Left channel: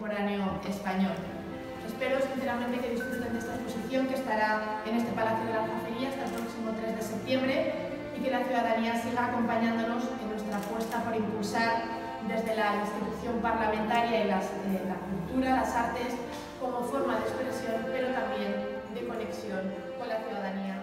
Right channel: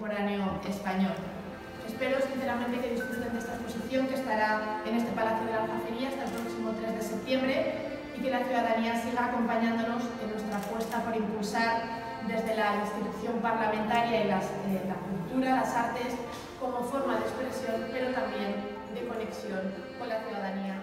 contemporáneo español. Espero sinceramente que disfruten de esta exposición que estará en este Palacio de la Aljafería hasta el próximo 3 de septiembre y que la ciudadanía siga acompañándonos en nuestra apuesta por impulsar desde la institución parlamentaria y la cultura, las artes, como forma de expresión, pero también de conexión con la ciudadanía.